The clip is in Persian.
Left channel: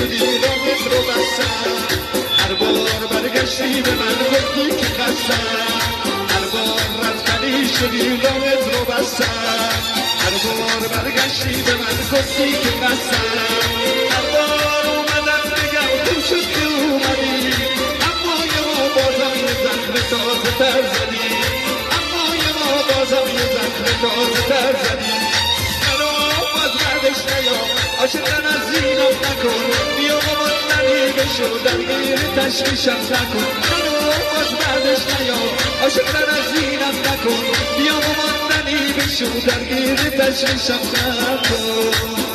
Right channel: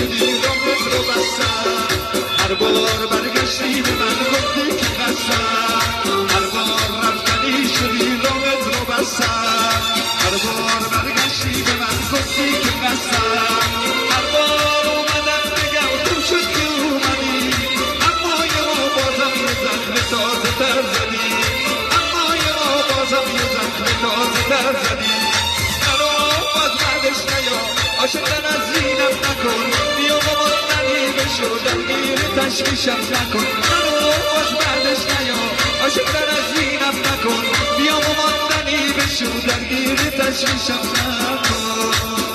شدی راه رو بستم هر بار برگشتی به من گفتی که قصم هر بار رفتنی شدی راه رو بستم هر بار برگشتی به من گفتی که قصم هر بار اومدم بگم تو شد که اومدی اما یه ما بازم یه زخم تازه تر زدی اما یه ما بازم یه زخم تازه تر زدی عاشقن از اینم نکن بیا و ماندنی بشو درگیر تشویشم نکن منو باز بعدش نیا عاشقن از اینم نکن بیا و ماندنی بشو درگیر تشویشم نکن